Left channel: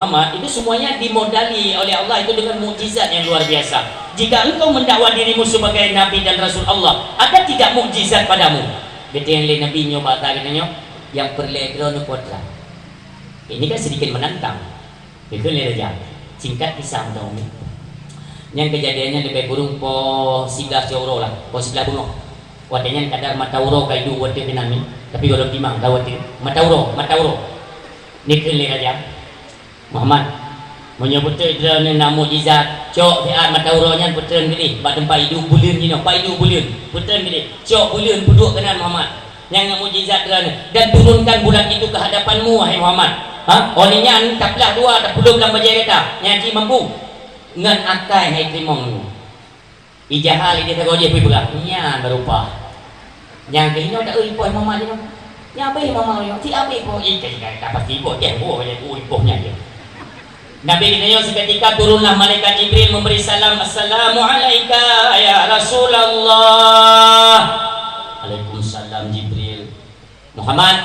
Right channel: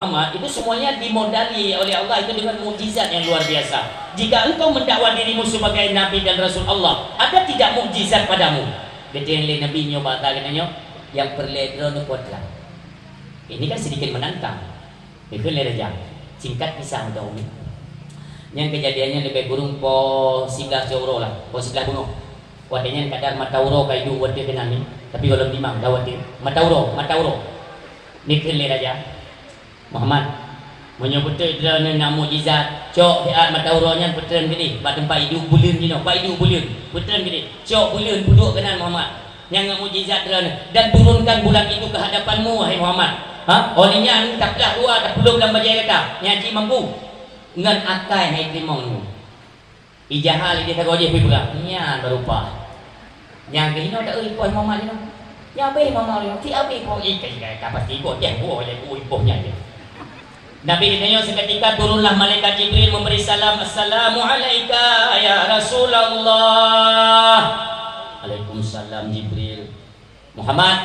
Muhammad itu semuanya dimodali oleh Allah itu dengan mukjizat yang luar biasa. Jika engkau mendakwa dirimu sebagai nabi dan rasul Allah, ada tidak mukjizat padamu? Betul yang lain nabi nyoba katanya yang perlegra nu kodra. Ini kan sedikit menantang. Betul ya, singkat kisah dong. Yang kejadiannya lebih burung po 11 euro lah, po 11 bunga. Wadanya kadar matauro kaidu wate kenani. Tapi kalau timang dawati matauro. Nikil raja. Muhammad menyebut dengan nama mukjizat cok dia mata uronya betul gini bak tempat hidup bulan ni pak hidup bulan betul gini cok bulan duduk kanan Muhammad yang mukjizat dan turunkan bulan itu ke hadapanmu wahai Muhammad olehnya taklah dua tak perlu dalam bajai kata nyaji mampu ngan akai hai krimong ijahal dia tak goje pergi pula nya berupa yang kini tak euy poin Muhammad ni nya apa Muhammad ti abi po ikai tak pasti po ya po banyak poinnya dia. Nabi kita seketika turunlah malaikat Jibril memberi salam, Assalamualaikum ya Rasulullah. Waalaikumsalam Jibril. Muhammad,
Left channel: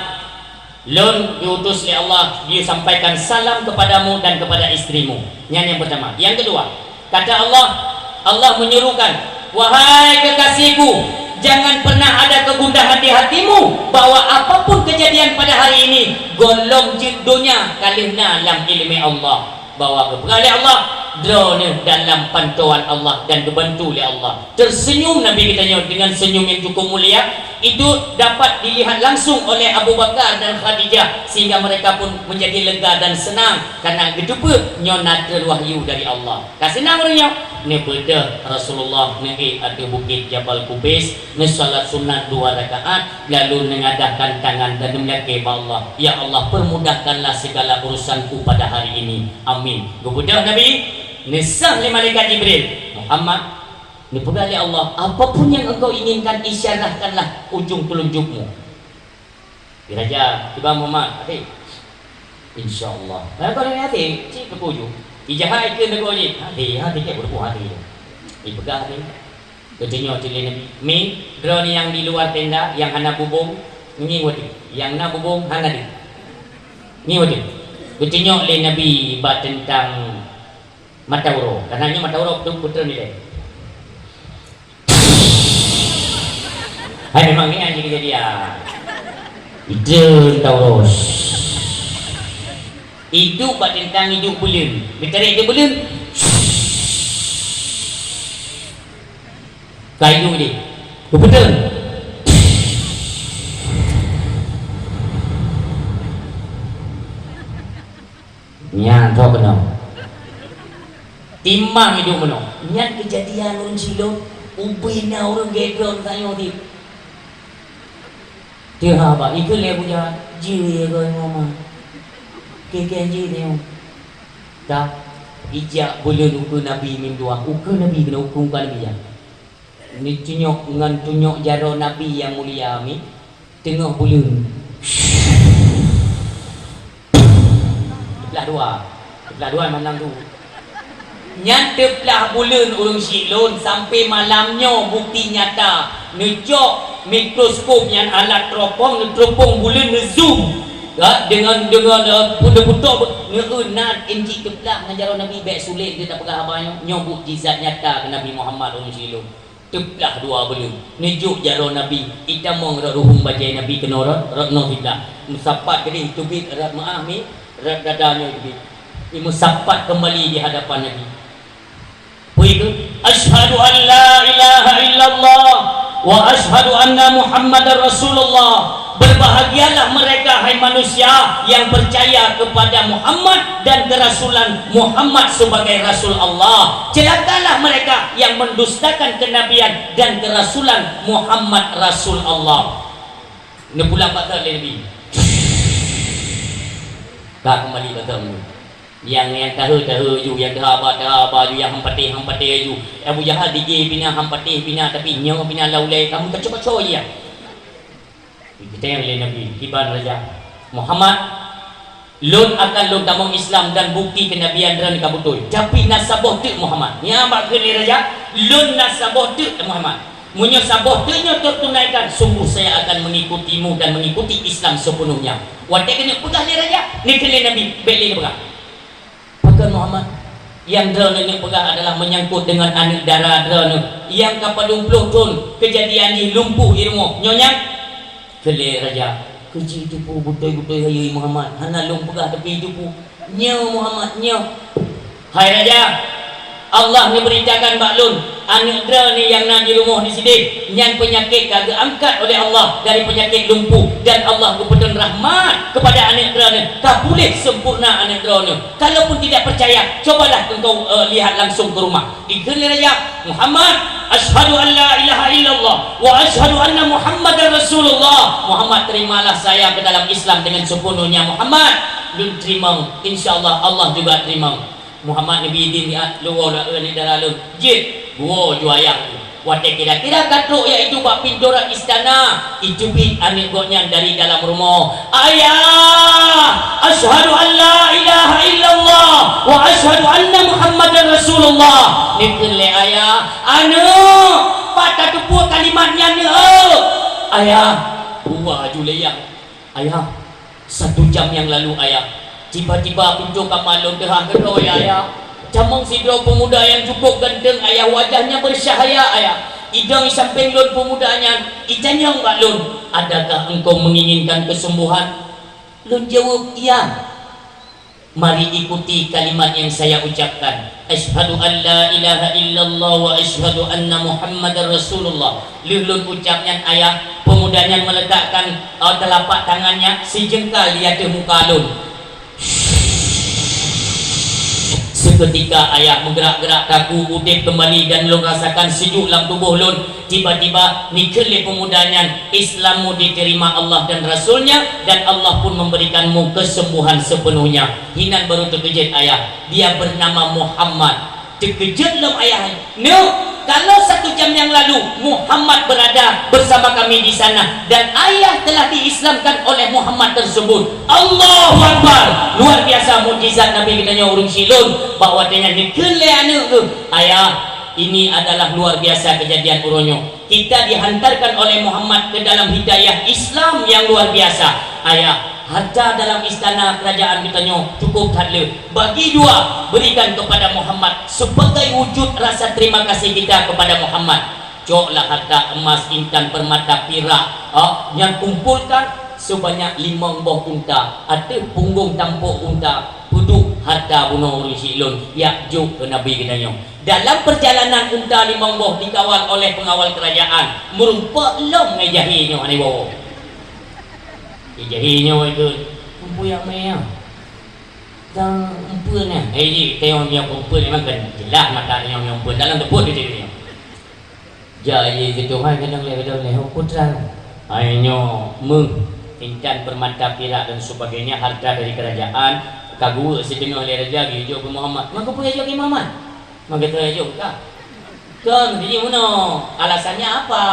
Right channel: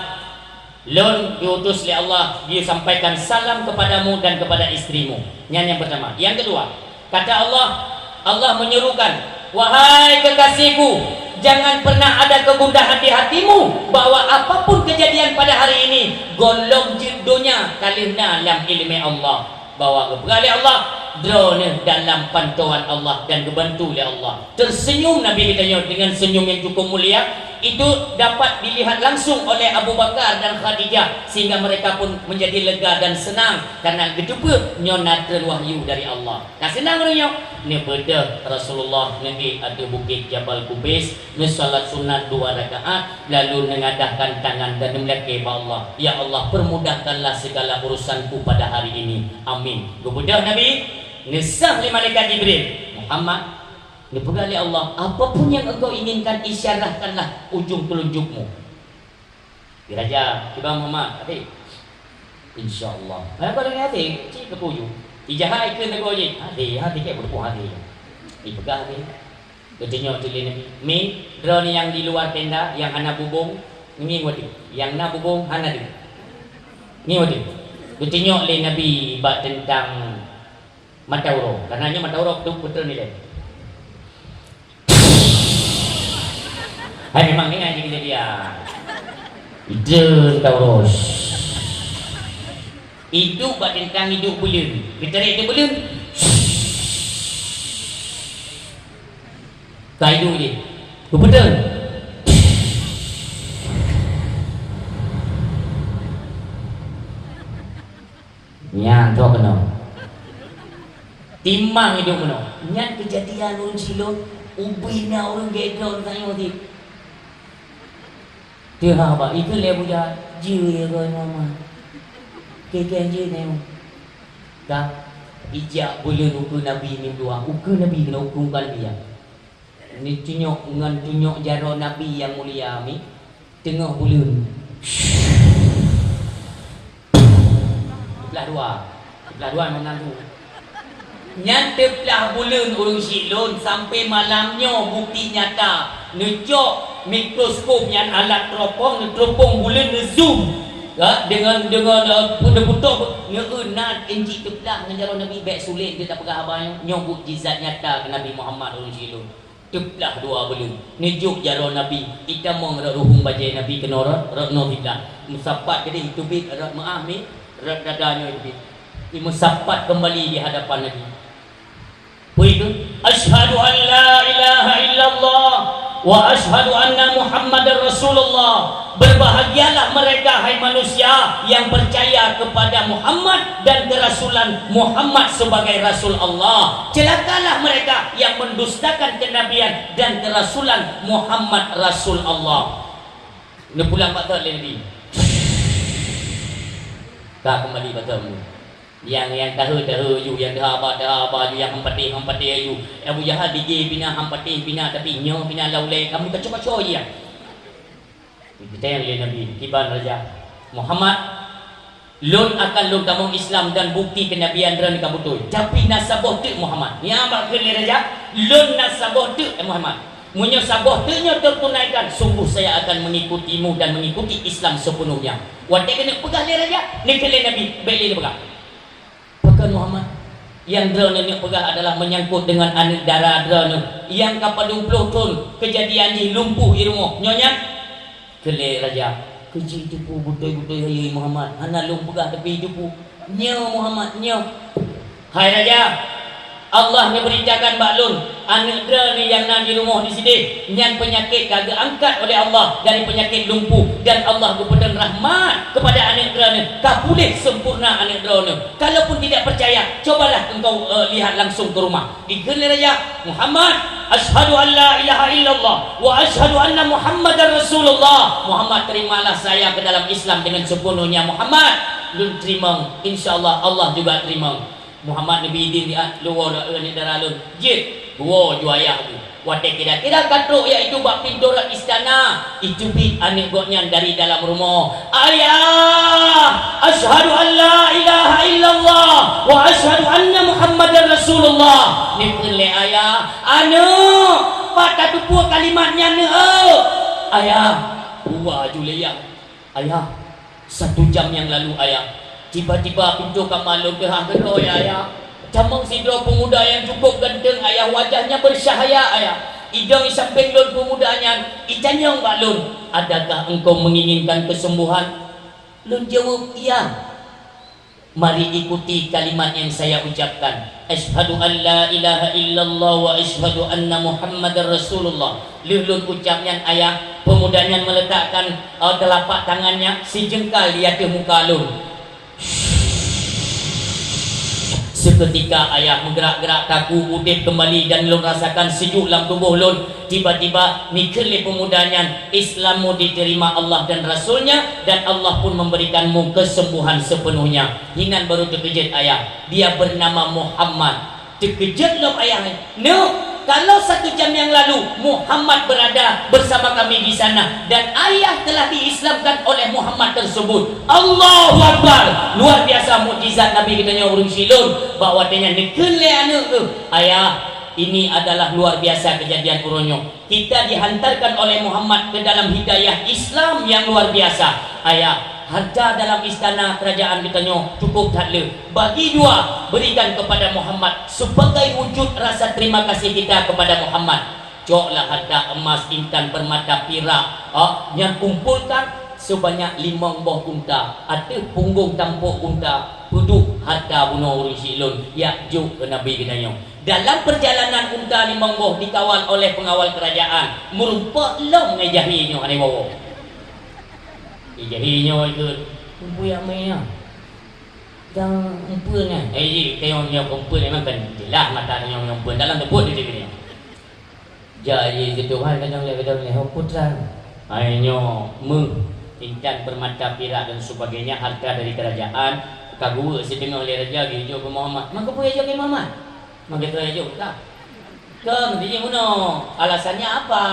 lon diutus oleh Allah, dia sampaikan salam kepadamu dan kepada istrimu. Yang pertama. Yang kedua, kata Allah menyuruhkan, wahai kekasihku, jangan pernah ada kegundahan di hatimu bahwa apapun kejadian pada hari ini golong judulnya kalihna yang ilmi Allah. Bawa kepada Allah drone dalam pantauan Allah dan dibantu oleh Allah. Tersenyum Nabi kita dengan senyum yang cukup mulia itu dapat dilihat langsung oleh Abu Bakar dan Khadijah sehingga mereka pun menjadi lega dan senang karena gedupa nyonatra wahyu dari Allah. Ka senang orangnya ni beda Rasulullah nanti ada bukit Jabal Kubais ni salat sunat 2 rakaat lalu mengadahkan tangan dan melihat ke Allah, ya Allah permudahkanlah segala urusanku pada hari ini, amin. Kemudian Nabi nisah li malaikat Jibril, Muhammad ni pegali Allah, apapun yang engkau inginkan isyarahkanlah ujung telunjukmu. Diraja tiba Muhammad hati insyaallah kalau ni hati cik ketujuh ijahai ke nego je hati ke berbuah hati dipegang ni ketinyo cilin mi drone yang di luar tenda yang hana bubung ini wati yang na bubung hana di ni wati ketinyo le Nabi ba tentang matauro karena ini matauro putra ni deh. Hai memang ini aja kejadian itu tauros hidup tentang hidup bulan ditarik ke bulan kaidu dia betul nya kau kenal timbang hidup mana nya kejadian orang silong ubina orang geger tanya dia dia apa itu dia punya jiwa kau ngomong kekenji tengok dah ijak bulan ukur Nabi mingguan ukur Nabi kena ukur Nabi ya ni tunyok dengan tunyok jaro Nabi yang mulia mi tengok bulan belah dua memang tu nyanteplah bulan urung silon sampai malamnya bukti nyata nejok mikroskop yang alat teropong bulan zoom dengan betul-betul ngeunat inci teplak menjaro Nabi baik sulit dia tak pegang abang nyobuk jizat nyata ke Nabi Muhammad SAW teplak dua belum nejuk jaro Nabi kita mau ruhum bajai Nabi kena rakno tidak musapat jadi tubik rak maami rak dadanya gitu musapat kembali di hadapan Nabi begitu asyhadu an la ilaha illallah wa asyhadu anna Muhammadar Rasulullah. Berbahagialah mereka hai manusia yang percaya kepada Muhammad dan kerasulan Muhammad sebagai Rasul Allah. Celakalah mereka yang mendustakan kenabian dan kerasulan Muhammad Rasul Allah. Ini pulang bakal Nabi. Tak kembali bakal yang tahu ju yang dah ju yang hampatih ju Abu Jahal DJ bina hampatih bina tapi nyo bina laulai kamu kecoh-kecoh ya. Kita yang oleh Nabi Iban Raja Muhammad lun akan lun tamang Islam dan bukti kenabian dan kabutul tapi nasabah tu Muhammad ni ambak ke Raja lun nasabah tu Muhammad munyo sabah tu nyo tertunaikan sungguh saya akan mengikutimu dan mengikuti Islam sepenuhnya. Wadah kena pegang ni Raja ni ke Nabi beli ni pegang Yang drone yang pegang adalah menyangkut dengan anak darah drone yang kapal 20 ton kejadian ni lumpuh di rumah nyonya kele raja kerja itu pun butai-butai hayai Muhammad hana long pegang tapi itu pun nyo Muhammad nyo hai raja Allah ni beritakan baklun anak drone ni yang nak di rumah di sini yang penyakit kagak angkat oleh Allah dari penyakit lumpuh dan Allah kepada rahmat kepada anak drone kabulih sempurna anak drone kalaupun tidak percaya cobalah engkau lihat langsung ke rumah digelar raja Muhammad asyhadu an la ilaha illallah wa asyhadu anna Muhammadar Rasulullah Muhammad terimalah saya ke dalam Islam dengan sepenuhnya Muhammad lu terima insyaallah Allah juga terima Muhammad Nabi din dia luar ni daralun je gua ju ayah tu wate kira-kira katruk iaitu bak pintu istana itu bi anak goknya dari dalam rumah ayah asyhadu an la ilaha illallah wa asyhadu anna Muhammadar Rasulullah ni kele ayah anu patah kepu kalimatnya ni ayah gua ju leyak ayah 1 jam yang lalu ayah tiba-tiba pintu kamalun terang kedoi ayah camang sidro pemuda yang cukup ganteng ayah wajahnya bersahaya ayah hidung samping lon pemudanya ijanyong baklun adakah engkau menginginkan kesembuhan lun jawab iya mari ikuti kalimat yang saya ucapkan asyhadu an la ilaha illallah wa asyhadu anna Muhammadar Rasulullah lulun ucapnya ayah pemudanya meletakkan telapak tangannya sejengkal di atas muka lun seketika ayah menggerak-gerak taku udip kembali dan lu rasakan sejuk dalam tubuh lun tiba-tiba nikeli pemudanya Islammu diterima Allah dan Rasulnya dan Allah pun memberikanmu kesembuhan sepenuhnya hinan baru terkejut ayah dia bernama Muhammad terkejut lho ayah no kalau 1 jam yang lalu Muhammad berada bersama kami di sana dan ayah telah diislamkan oleh Muhammad tersebut Allahu Akbar luar biasa mukjizat Nabi kita urung silun bahawa dengan nikele anak tu ayah ini adalah luar biasa kejadian uronyo kita dihantarkan oleh Muhammad ke dalam hidayah Islam yang luar biasa ayah harta dalam istana kerajaan kita cukup tak le bagi dua berikan kepada Muhammad sebagai wujud rasa terima kasih kita kepada Muhammad coklah harta emas intan permata perak yang kumpulkan sebanyak 5 buah unta ada punggung tampuk unta duduk harta bunuh urus silun yak juk ke Nabi kita dalam perjalanan unta 5 buah dikawal oleh pengawal kerajaan merupa long ngejahinya ani bawa jahinya itu punya mea dan umpunnya kita yang umpun memang kan jelas mata yang umpun dalam debut dia ni jadi itu Tuhan kena lihat dalam ni putra ayo meng intan permata perak dan sebagainya harta dari kerajaan kagu setengah oleh raja hijau ke Muhammad maka punya hijau ke Muhammad maka tu hijau tak kan dia mana alasannya apa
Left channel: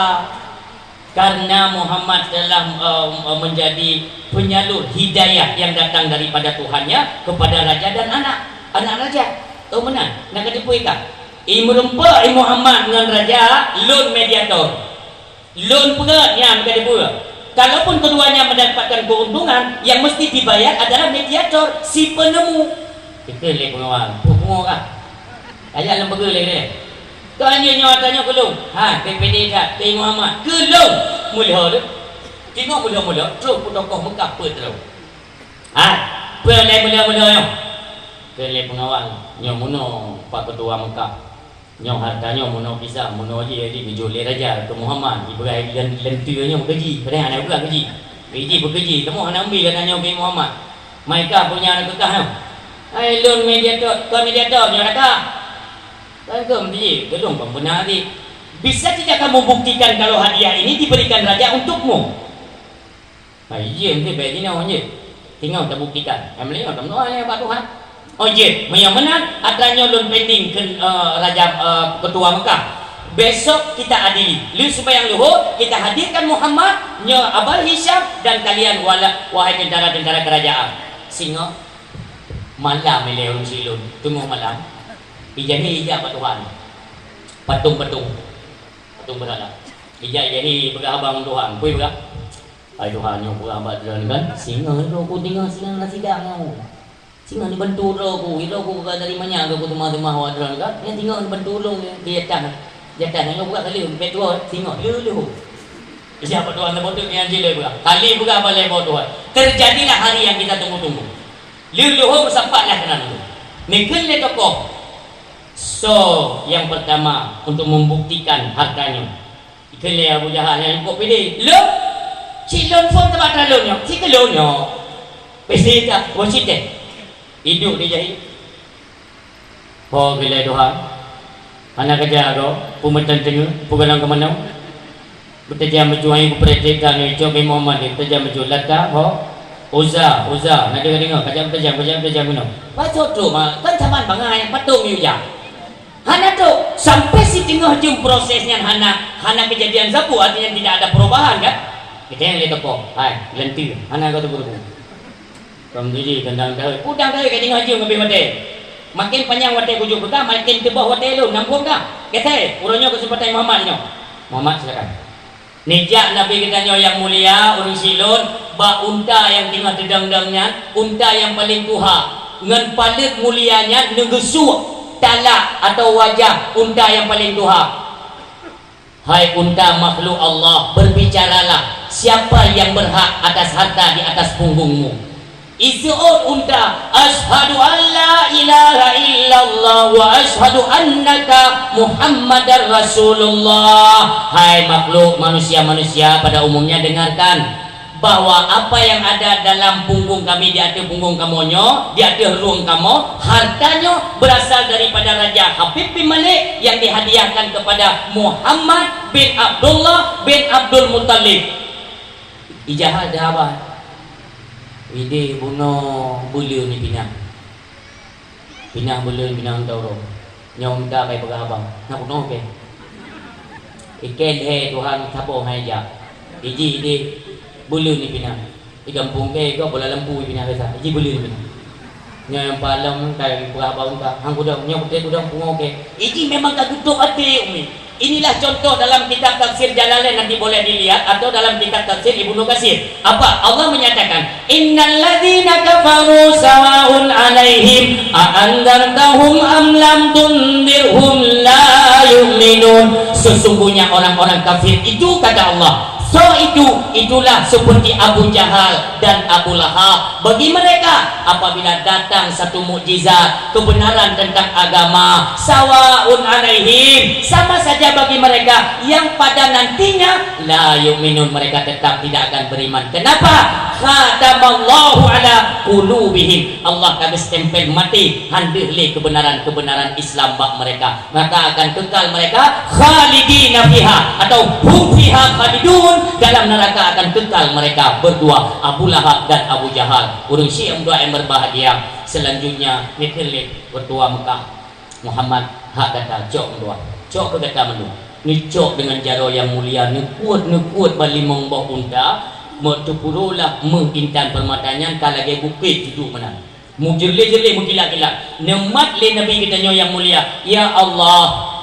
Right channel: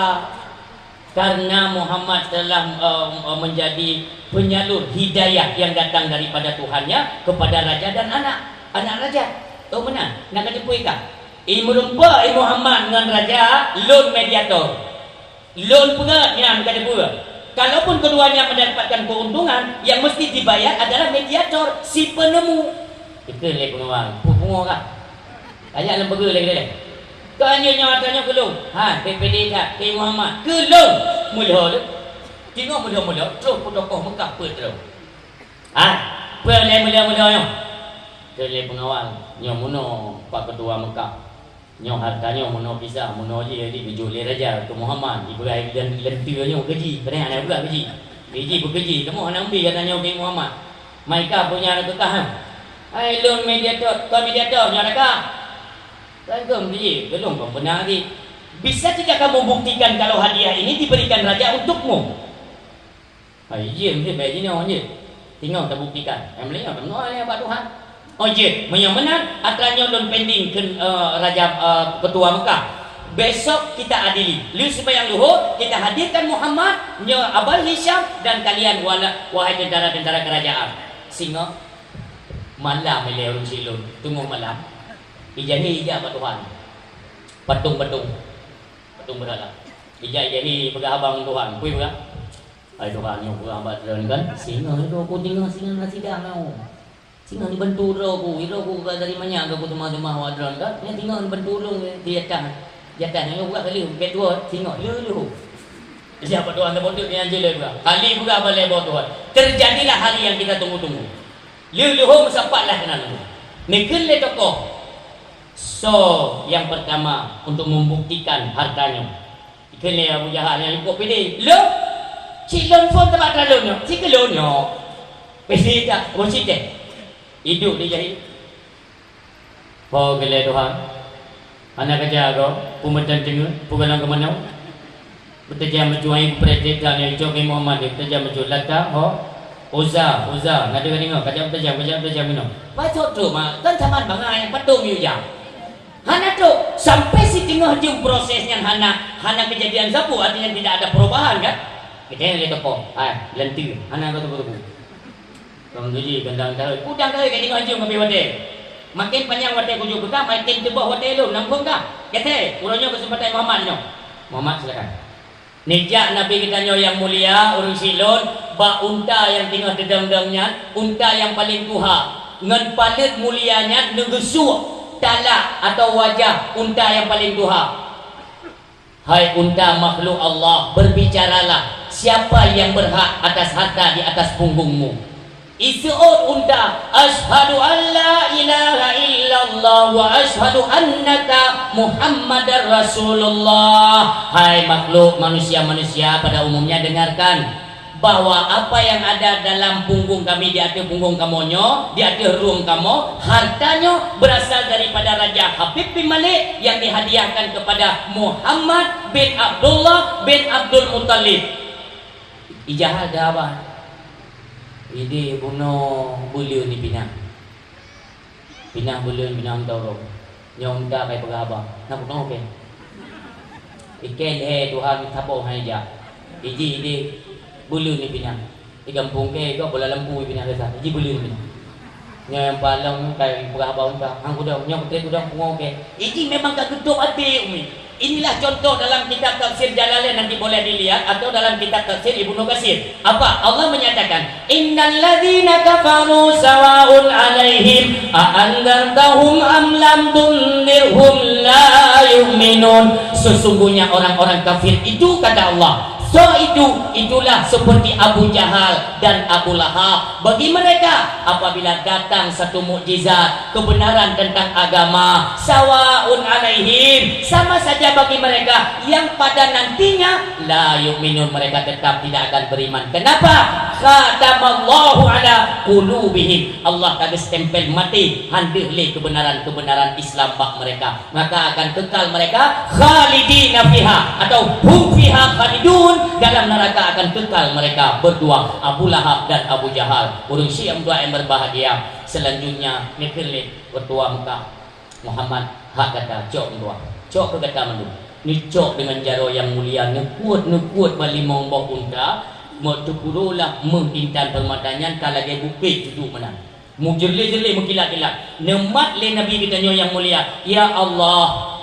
karena Muhammad telah menjadi penyalur hidayah yang datang daripada Tuhannya kepada raja dan anak raja tahu mana nak ketipu ikan merumpa Muhammad dengan raja loan mediator loan pegat yang ketipu kalaupun keduanya mendapatkan keuntungan yang mesti dibayar adalah mediator si penemu kita lihat pengawal punggung kah ayat lembaga lagi dia tanya nyawatanya kelung PPD tak ke Muhammad kelung mula tu tengok mula-mula terus tokoh Mekah apa terus pelai mula-mula yang pelai pengawal yang muno Pak Ketua Mekah yang hartanya muno pisah muno je dijoleh raja ke Muhammad ibrahim dan lentuanya bekerja kadang anak pula kerja bekerja temu anak ambil katanya ke Muhammad mereka punya anak kekah loan mediator nyaraka kan biji belum benar ni bisa tidak kamu buktikan kalau hadiah ini diberikan raja untukmu iya mungkin baik ni orang je tinggal kita buktikan emang tak tahu yang Pak Tuhan yang benar atranya loan pending ke raja ketua Mekah besok kita adili lu supaya luhur kita hadirkan Muhammad Abul Hisham dan kalian wahai tentara-tentara kerajaan singa malam ni orang silun tunggu malam Ijahi Pak Tuhan patung berada Ijahi pegang abang Tuhan kui pegang hai Tuhan yang pegang abang Tuhan kan singa itu aku tinggal singa lah sidang kau Singa ni benturo ku, hilo ku dari mana aku rumah-rumah wadron kan? Yang tinggal ni benturo dia jatah yang buka kali betul singa lu. Siapa tuan terbodoh yang jela buka. Kali buka balik bodoh. Terjadilah hari yang kita tunggu-tunggu. Luluhum sampailah kena nunggu. Nikil le tokoh. So, yang pertama untuk membuktikan hartanya. Ikele Abu Jahal yang ikut pilih. Lo, si lon pun tempat dalonyo, si kelonyo. Pesti tak, wasite. Hidup dia jahit. Bawa bila doa. Anak kerja aku, pemerintahan tengah, pugalang ke mana? Bertajam menjuai perhatikan ni, jom Muhammad ni, bertajam menjuai lata, Uza, nak dengar, kajam minum. Baca tu mah, kan zaman bangai yang patung you ya. Hana tu sampai si tengah jum prosesnya hana kejadian zapu artinya tidak ada perubahan kan? Kita yang lihat kok, lentir, hana kau tu betul. Kamu jadi gendang dah, udang dah kita tengah jum kopi hotel. Makin panjang hotel kujuk kita, makin tebal hotel lu, nambung dah. Kita, urangnya kesempatan Muhammad ni. Muhammad silakan. Nijak Nabi kita yang mulia, urang silon, ba unta yang tengah dedang-dangnya, unta yang paling kuha, ngan paling mulianya negesu talak atau wajah unta yang paling duha. Hai unta makhluk Allah, berbicaralah, siapa yang berhak atas harta di atas punggungmu? Isu'ud unta, ashadu an la ilaha illallah wa ashadu annaka Muhammadar Rasulullah. Hai makhluk manusia-manusia pada umumnya dengarkan bahwa apa yang ada dalam punggung kami, di atas punggung kamonyo, di atas ruang kamu, hartanya berasal daripada Raja Habib bin Malik yang dihadiahkan kepada Muhammad bin Abdullah bin Abdul Muttalib. Ijazah dah apa? Ini bunuh bulu ni pinah bulu pinah tauro. Nyong dah kayak abang. Nak bunuh ke? Ikan Tuhan sapo haja. Iji bulu ni pinah. Di kampung ke kau bola lembu pinah kata. Iji bulu ni pinah. Yang paling dari abang ka. Hang kudang nyong kudang pungo ke. Iji memang tak geduk hati umi. Inilah contoh dalam kitab tafsir Jalalain, nanti boleh dilihat, atau dalam kitab tafsir Ibnu Katsir. Apa? Allah menyatakan, innal ladzina kafaru sawa'un 'alaihim a anzartahum am lam tunzirhum la yu'minun. Sesungguhnya orang-orang kafir itu, kata Allah, so itulah seperti Abu Jahal dan Abu Lahab. Bagi mereka apabila datang satu mukjizat kebenaran tentang agama, sawaun alaihim, sama saja bagi mereka, yang pada nantinya la yu'minun, mereka tetap tidak akan beriman. Kenapa? Khatamallahu ala qulubihim, Allah kami stempel mati handihli kebenaran Islam bak mereka, maka akan kekal mereka khalidina fiha atau hum fiha khalidun, dalam neraka akan kekal mereka berdua, Abu Lahab dan Abu Jahal. Urung Syiah dua yang berbahagia. Selanjutnya Mikhail bertua Mekah. Muhammad hak kata cok dua. Cok berkata menu. Ni cok dengan jaro yang mulia, nekuat balimong bau unta, motupurulah mengintan permatanya kalage bukit hidup menang. Mujeli-jeli mengkilat-kilat. Nemat le Nabi kita yang mulia. Ya Allah,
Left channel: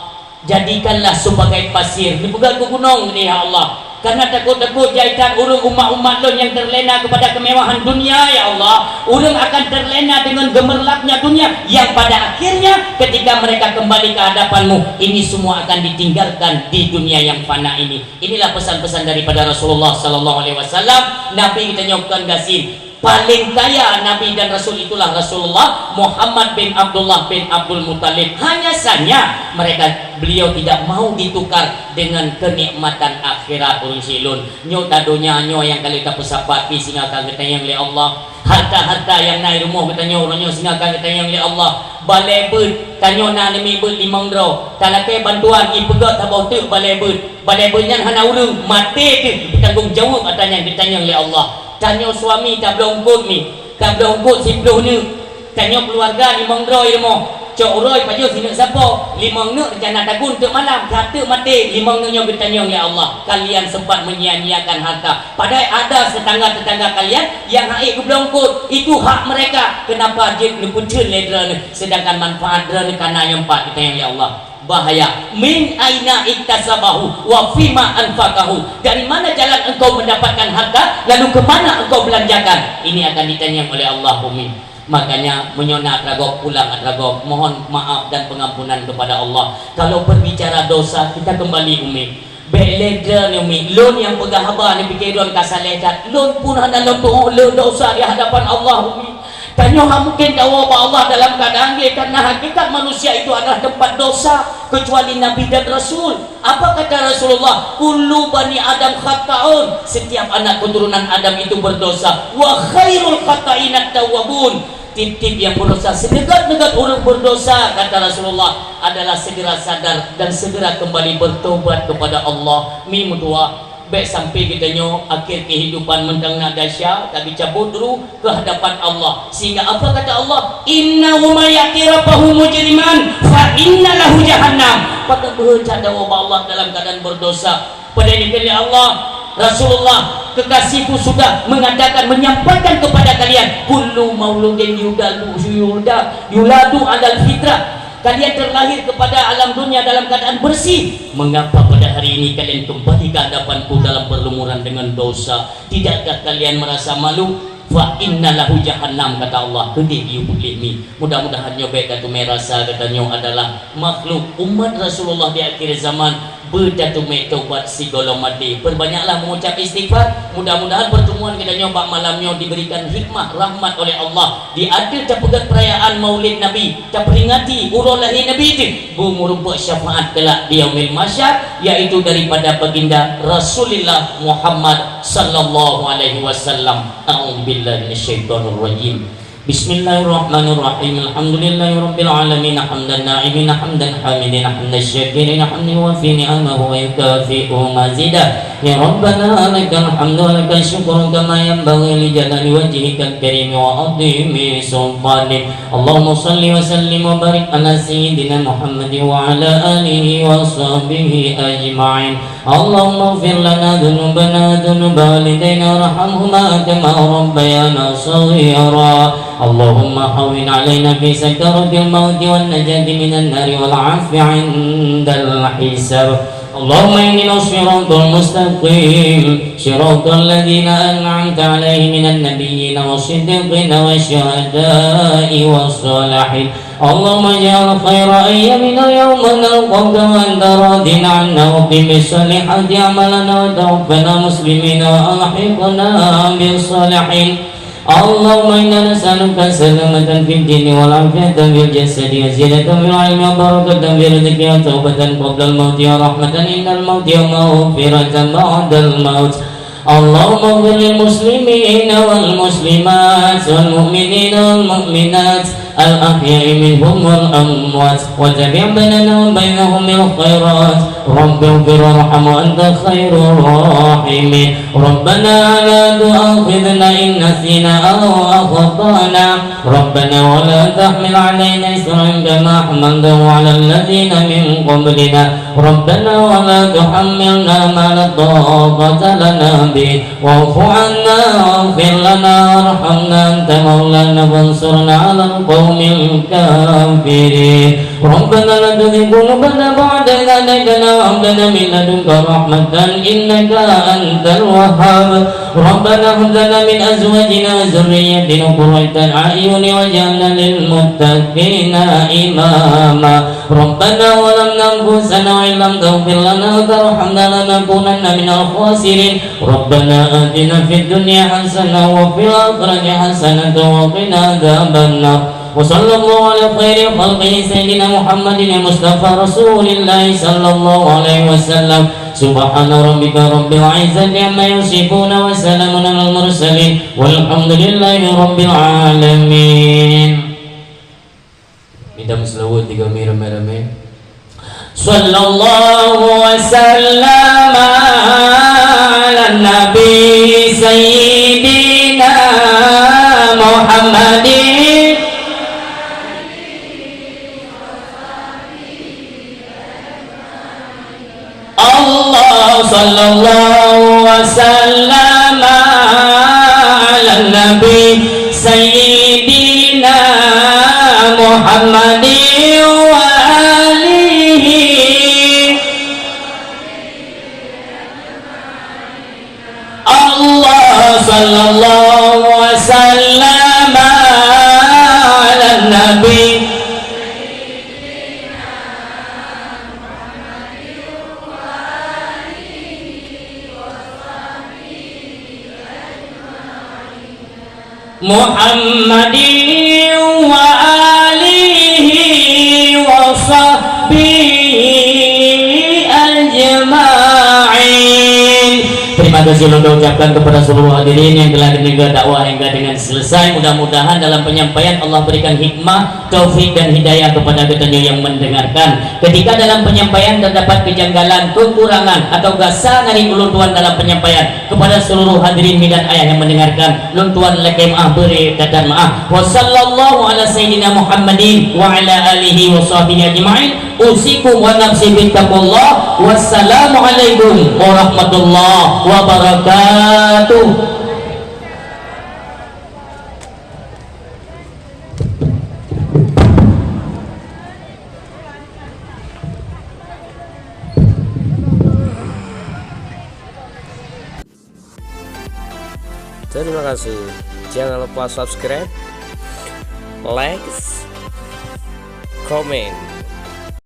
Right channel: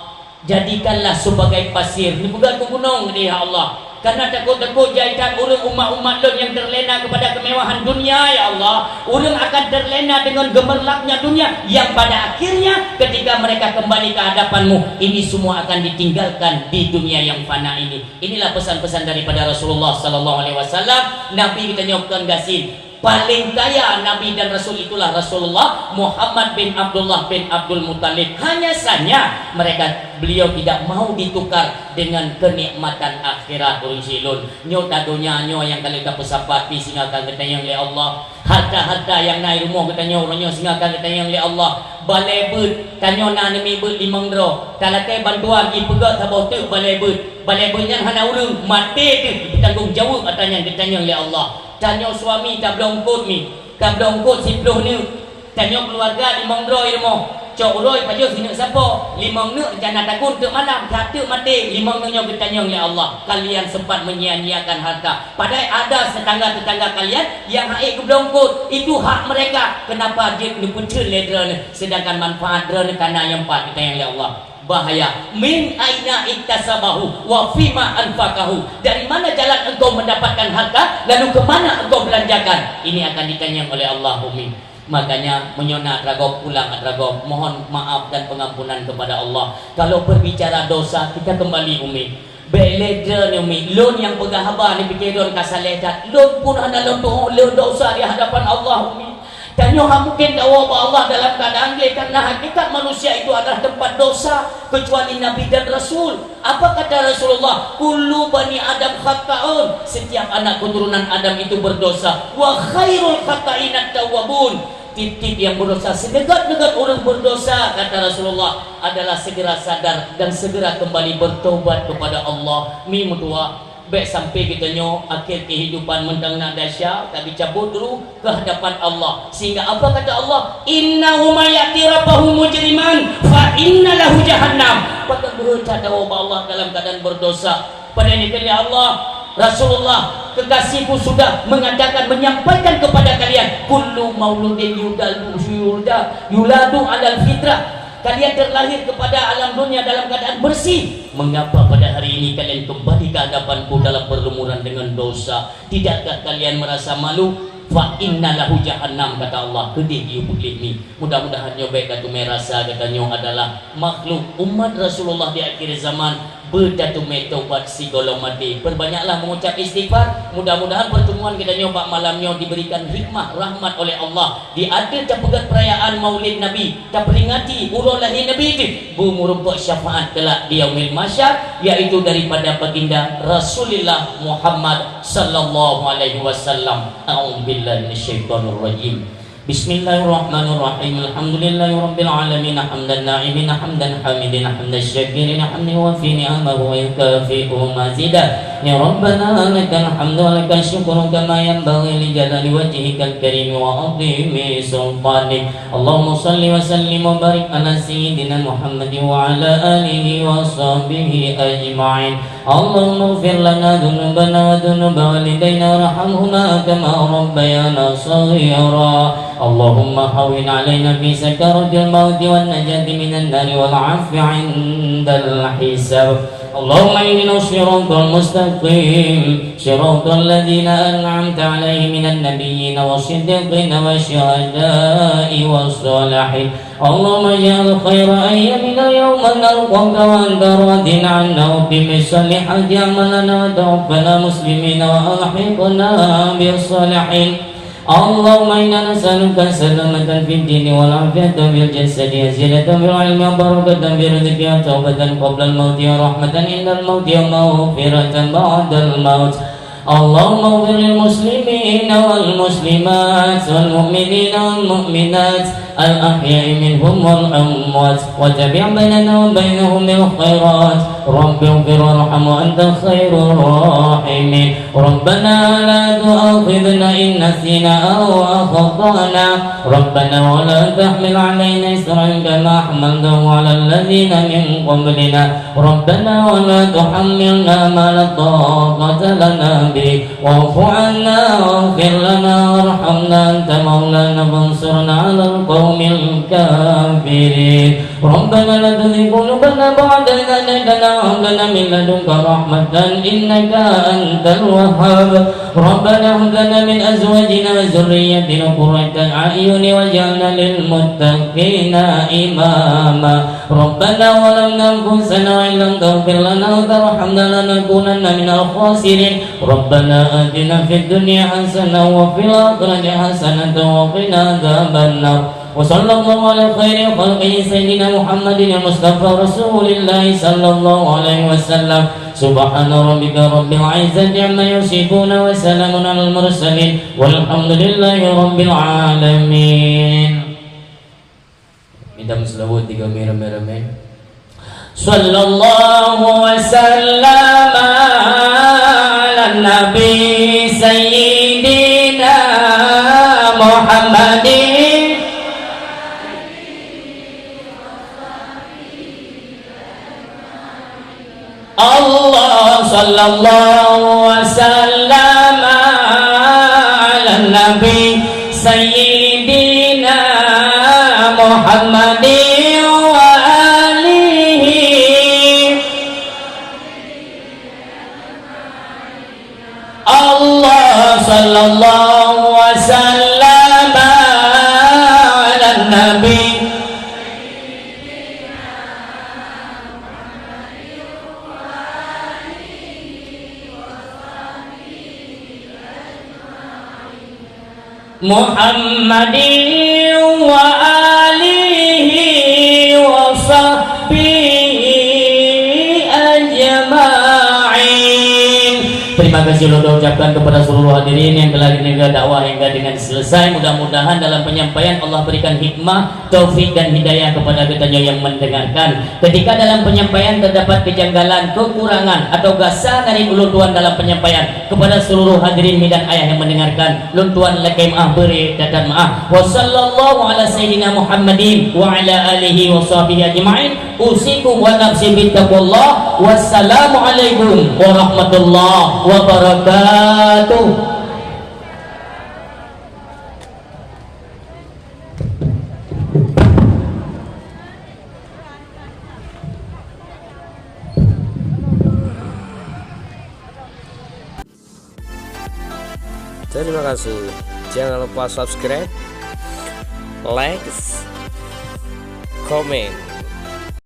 jadikanlah sebagai pasir. Ni bukan ke gunung ni ya Allah. Karena takut-takut jahitan urung umat-umat lo yang terlena kepada kemewahan dunia, ya Allah. Urung akan terlena dengan gemerlapnya dunia, yang pada akhirnya ketika mereka kembali ke hadapanmu, ini semua akan ditinggalkan di dunia yang fana ini. Inilah pesan-pesan daripada Rasulullah sallallahu alaihi wasallam. Nabi kita nyokkan gasim. Paling kaya Nabi dan Rasul itulah Rasulullah Muhammad bin Abdullah bin Abdul Muttalib. Hanya saja beliau tidak mau ditukar dengan kenikmatan akhirat ursilun. Nyo tadonya nyo yang kali ka pesapat pi singa ka getayang li Allah. Harta-harta yang naik rumah katanya orangnya singa ka getayang li Allah. Balai beut tanyo na ni beut 5 dro. Talake bantuan i pegat tabau tu balai beut. Balai beutnya hana urang mati tu ditanggung jawab katanya getayang li Allah. Tanya suami tak belongkut ni, tak belongkut sipluh ni. Tanya keluarga 5 dro ilmu. Cok uroi pajo sini siapa? 5 nuk rencana takun untuk malam, satu mati. 5 nuknya bertanya ya Allah, kalian sempat menyia-nyiakan harta. Padahal ada tetangga-tetangga kalian yang haik ke belongkut, itu hak mereka. Kenapa dia ni pucun ledra ni, sedangkan manfaat dra ni kana yang 4 kita yang ya Allah. bahaya. Min aina iktasabahu wa fima anfaqahu. Dari mana jalan engkau mendapatkan harta, lalu kemana engkau belanjakan? Ini akan ditanya oleh Allah, Umi. Makanya menyona adragok pulang adragok, mohon maaf dan pengampunan kepada Allah. Kalau berbicara dosa, kita kembali, Umi. Beledra ni, Umi. Lon yang pegang haba ni pikiran kasalekat. Lon pun ada lon dosa di hadapan Allah, Umi. Tanya mungkin tahu Allah dalam keadaan dia, karena hakikat manusia itu adalah tempat dosa kecuali Nabi dan Rasul. Apa kata Rasulullah? Kullu bani Adam khata'un. Setiap anak keturunan Adam itu berdosa. Wa khairul khata'in at-tawwabun. Tip-tip yang berdosa, sedekat-dekat orang berdosa, kata Rasulullah, adalah segera sadar dan segera kembali bertobat kepada Allah. Mi mutua baik sampai kita nyo akhir kehidupan mentang nak dahsyat, tapi cabut dulu ke hadapan Allah. Sehingga apa kata Allah? Innahu may yati rabbahu mujriman fa inna lahu jahannam. Pada bercanda Allah dalam keadaan berdosa. Pada ini kali Allah, Rasulullah kekasihku sudah mengatakan, menyampaikan kepada kalian, kullu mauludin yuladu alal fitrah. Kalian terlahir kepada alam dunia dalam keadaan bersih. Mengapa pada hari ini kalian kembali ke hadapanku dalam perlumuran dengan dosa? Tidakkah kalian merasa malu? Fa innalahu jahannam, kata Allah. Kedih ni. Mudah-mudahan baik kata merasa katanya adalah makhluk umat Rasulullah di akhir zaman berdatu metobat si golomadi. Perbanyaklah mengucap istighfar. Mudah-mudahan pertemuan kita nyoba malamnya diberikan hikmah rahmat oleh Allah. Di ada pegat perayaan Maulid Nabi, kita peringati urang lahir Nabi itu, merumpuk syafaat kelak di yaumil mahsyar, yaitu daripada baginda Rasulullah Muhammad sallallahu alaihi wasallam. A'udzubillahi minasyaitonir rajim. Bismillahirrahmanirrahim. Alhamdulillahirabbil alamin, hamdan na'imin, hamdan hamidin, hamdan syakirin, hamdan yuwaffi ni'amahu wa yukafi'u mazidah. Ya Rabbana lakal hamdu wa lakal syukru kama yanbaghi li jalali wajhikal karim wa 'azimi sultanik. Allahumma shalli wa sallim wa barik ala sayyidina Muhammadin wa ala alihi wa sahbihi ajma'in. Allahumma ighfir lana dhunubana wa dhunuba walidayna warhamhuma kama rabbayana shaghira. Allahumma hawwin alaina fi sakaratil mauti wan najati minan nari wal 'afwi 'indal hisab. Allahumma ihdina siratal mustaqim, siratal ladzina an'amta 'alaihim minan nabiyyin wasiddiqin wasyuhada'i wassalihin. Allahumma ij'al khaira ayyamina yawma nalqaka wa anta radin 'anna wa qim bisolihati a'malana wa tawaffana muslimina wa alhiqna bis salihin. Allahumma inna nas'aluka salamatan fid dini wal afiyatan fil jasadi wa zinatan fil ilmi wa barakatan fil rizqi wa tawbatan qabla al mauti wa rahmatan indal mauti wa maghfiratan ba'dal maut. Allahumma ighfir lil muslimina wal muslimat wal mu'minina wal mu'minat al ahya'i minhum wal amwat wa tabi' bainana wa bainahum bil khairat. Rabbi ighfir warham wa anta khairur rahimin. Rabbana la tu'akhidhna in nasina aw akhtana. Rabbana wa la tahmil 'alaina isran kama hamaltahu 'ala alladhina min qablina. Rabbana wa la tuhammilna ma la taqata lana bi. Wa'fu 'anna waghfir lana warhamna anta maulana fansurna 'alal qaumil kafirin. Rabbana la tuzigh qulubana ba'da idh hadaytana wa hab lana min ladunka rahmatan innaka antal wahhab. Rabbana hab lana min azwajina wa dhurriyyatina qurrata a'yun waj'alna lil muttaqina imama. Rabbana zalamna anfusana wa illam taghfir lana wa tarhamna lanakunanna minal khasirin. Rabbana atina fid dunya hasanah wa fil akhirati hasanah wa qina adzabannar. Wa sallallahu ala khairi khalqihi sayyidina Muhammadin Mustafa Rasulillah sallallahu alaihi wasallam. Subhana rabbika rabbil izzati amma yasifun wa salamun alal mursalin walhamdulillahi rabbil alamin. Idam selawat 3 merah-merah. Sallallahu wasallam ala nabi sayyidina Muhammadin. Allah sallallahu wasallam ala nabi sayyidina Muhammadin wa alihi Muhammadin wa alihi wa sahbihi ajma'in. Terima kasih sudah ucapkan kepada seluruh hadirin yang telah mendengar dakwah hingga dengan selesai. Mudah-mudahan dalam penyampaian Allah berikan hikmah, taufik dan hidayah kepada kita yang mendengarkan. Ketika dalam penyampaian terdapat kejanggalan, kekurangan atau kesalahan dari ulun tuan dalam penyampaian, kepada seluruh hadirin dan ayah yang mendengarkan, ulun tuan lekai maaf, beri kata maaf. Wa sallallahu ala sayyidina Muhammadin wa ala alihi wa sahbihi ajma'in. Usikum wa nafsi bittaqullah. Wassalamualaikum warahmatullahi wabarakatuh. Terima kasih. Jangan lupa subscribe, like, comment.